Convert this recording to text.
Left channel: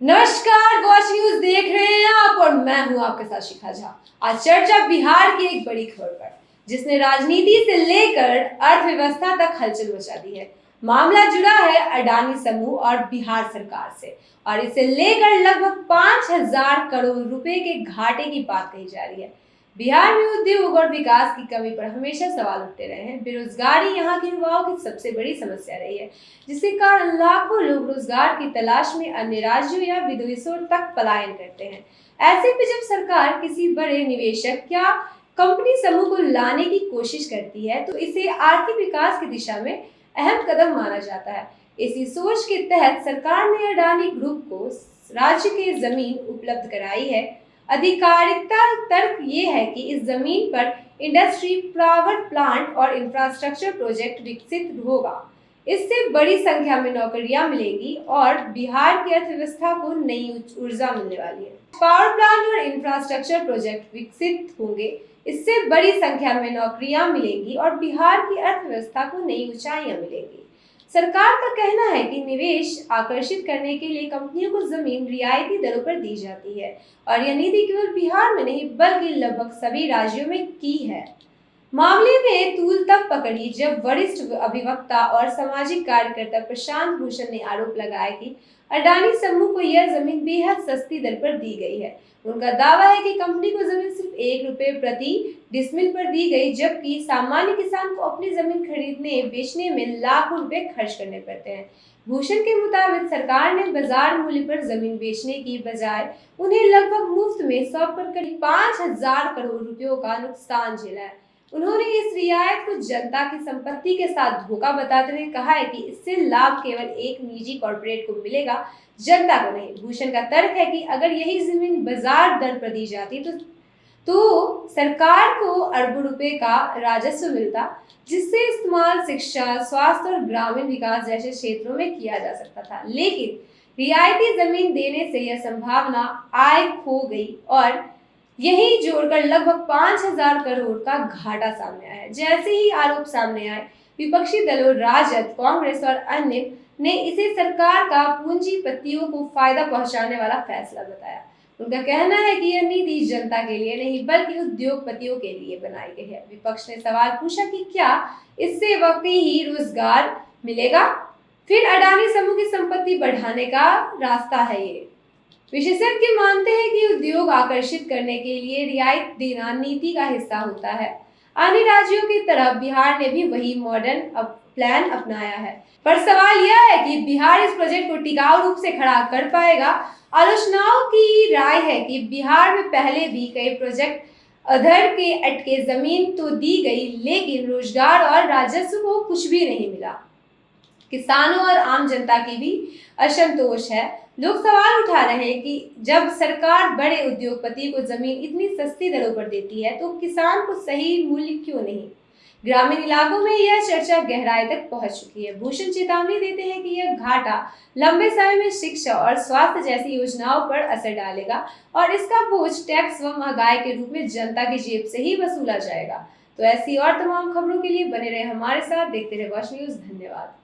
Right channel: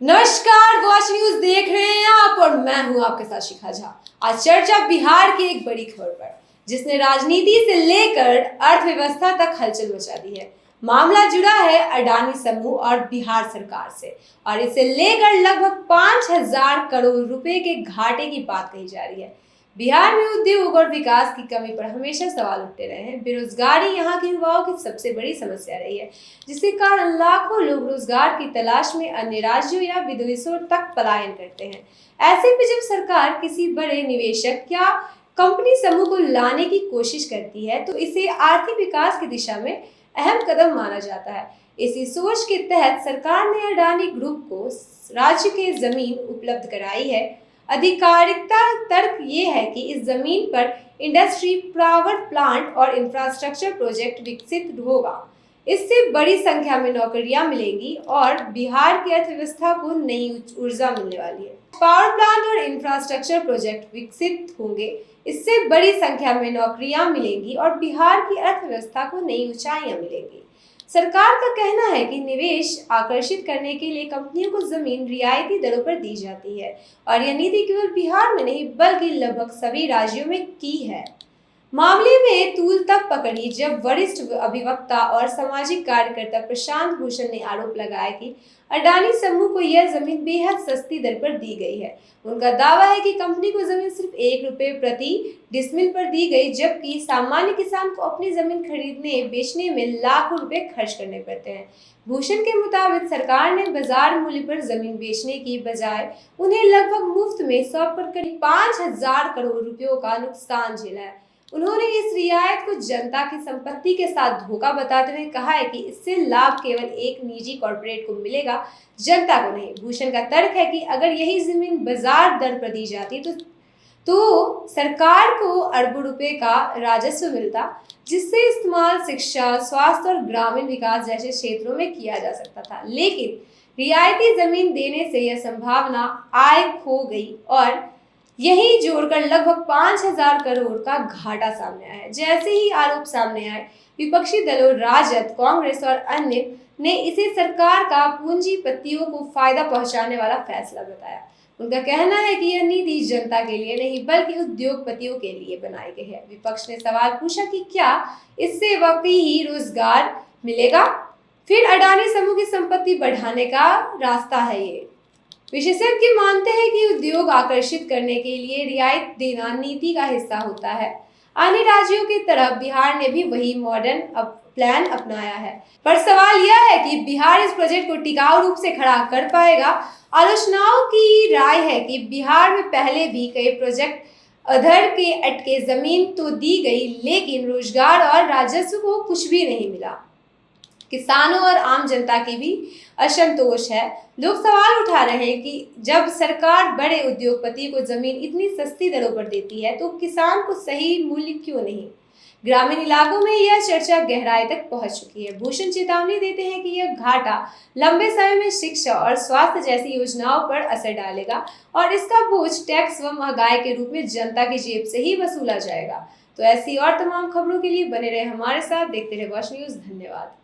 नमस्कार, watch news देख रहे हैं आप और मैं हूं आपके साथ शिखा झा। आज चर्चा बिहार की एक बड़ी खबर पर, जिसने राजनीति से लेकर अर्थव्यवस्था तक हलचल मचा दी है। मामला जुड़ा है अडानी समूह और बिहार सरकार से, और इसे लेकर लगभग 5,000 करोड़ रुपए के घाटे की बात कही जा रही है। बिहार में उद्योग और विकास की कमी पर हमेशा सवाल उठते रहे हैं। बेरोजगारी यहाँ के युवाओं की सबसे बड़ी समस्या रही है, जिसके कारण लाखों लोग रोजगार की तलाश में अन्य राज्यों या विदेशों तक पलायन करते हैं। ऐसे में जब सरकार किसी बड़े निवेशक या कंपनी समूह को लाने की कोशिश करती है, तो इसे आर्थिक विकास की दिशा में अहम कदम माना जाता है। इसी सोच के तहत सरकार ने अडानी ग्रुप को राज्य की जमीन उपलब्ध कराई है। आधिकारिकता तर्क ये है कि इस जमीन पर इंडस्ट्री, पावर प्लांट और इंफ्रास्ट्रक्चर प्रोजेक्ट विकसित होगा। इससे बड़ी संख्या में नौकरियां मिलेंगी और बिहार की अर्थव्यवस्था को नई ऊर्जा मिलने वाली है। पावर प्लांट और इंफ्रास्ट्रक्चर प्रोजेक्ट विकसित होंगे, इससे बड़ी संख्या में नौकरियां मिलेंगी और बिहार की अर्थव्यवस्था को नई ऊंचाइयां मिलेंगी। सरकार का कहना है कि निवेश आकर्षित करने के लिए कंपनियों को जमीन रियायती दरों पर दी जाती है, और यह नीति केवल बिहार में नहीं बल्कि लगभग सभी राज्यों में की है। मामले में तूल तब पकड़ी जब वरिष्ठ अधिवक्ता और सामाजिक कार्यकर्ता प्रशांत भूषण ने आरोप लगाया कि अडानी समूह को यह जमीन बेहद सस्ती दर पर दी गई है। उनका दावा है कि कंपनी को जमीन सिर्फ ₹1 प्रति डिसमिल पर दी गई, जबकि सामान्य किसान को अपनी जमीन खरीदने बेचने में लाखों रुपए खर्च करने पड़ते हैं। भूषण के मुताबिक सरकार ने बाजार मूल्य पर जमीन बेचने की बजाय उन्हें लगभग मुफ्त में सौंप कर करीब 5,000 करोड़ रुपयों का नुकसान झेला है। उन्होंने इस रियायत को जनता की संपत्ति के साथ धोखा बताते हुए कहा है कि इससे लाभ केवल एक निजी कॉर्पोरेट को मिलेगा, जनता को नहीं। भूषण का तर्क है कि अगर यही जमीन बाजार दर पर दी जाती तो सरकार को अरबों रुपए का राजस्व मिलता, जिससे इस्तेमाल शिक्षा, स्वास्थ्य और ग्रामीण विकास जैसे क्षेत्रों में किया जा सकता था। लेकिन रियायती जमीन देने से यह संभावना आय खो गई और यही जोड़कर लगभग 5,000 करोड़ का घाटा सामने आया है। जैसे ही आरोप सामने आए, विपक्षी दलों राजद, कांग्रेस और अन्य ने इसे सरकार का पूंजीपतियों को फायदा पहुंचाने वाला फैसला बताया। उनका कहना है कि यह नीति जनता के लिए नहीं बल्कि उद्योगपतियों के लिए बनाई गई है। विपक्ष ने सवाल पूछा कि क्या इससे वाकई ही रोजगार मिलेगा? फिर अडानी समूह की संपत्ति बढ़ाने का रास्ता है ये। विशेषज्ञ मानते हैं कि उद्योग आकर्षित करने के लिए रियायत देना नीति का हिस्सा होता है। अन्य राज्यों की तरह बिहार ने भी वही मॉडर्न प्लान अपनाया है, पर सवाल यह है कि बिहार इस प्रोजेक्ट को टिकाऊ रूप से खड़ा कर पाएगा। आलोचनाओं की राय है कि बिहार में पहले भी कई प्रोजेक्ट अधर के अटके, जमीन तो दी गई लेकिन रोजगार और राजस्व को कुछ भी नहीं मिला। किसानों और आम जनता की भी असंतोष है। लोग सवाल उठा रहे हैं कि जब सरकार बड़े उद्योगपति को जमीन इतनी सस्ती दरों पर देती है, तो किसान को सही मूल्य क्यों नहीं? ग्रामीण इलाकों में यह चर्चा गहराई तक पहुंच चुकी है। भूषण चेतावनी देते हैं कि यह घाटा लंबे समय में शिक्षा और स्वास्थ्य जैसी योजनाओं पर असर डालेगा, और इसका बोझ टैक्स व महंगाई के रूप में जनता की जेब से ही वसूला जाएगा। तो ऐसी और तमाम खबरों के लिए बने रहे हमारे साथ, देखते रहे वॉच न्यूज। धन्यवाद।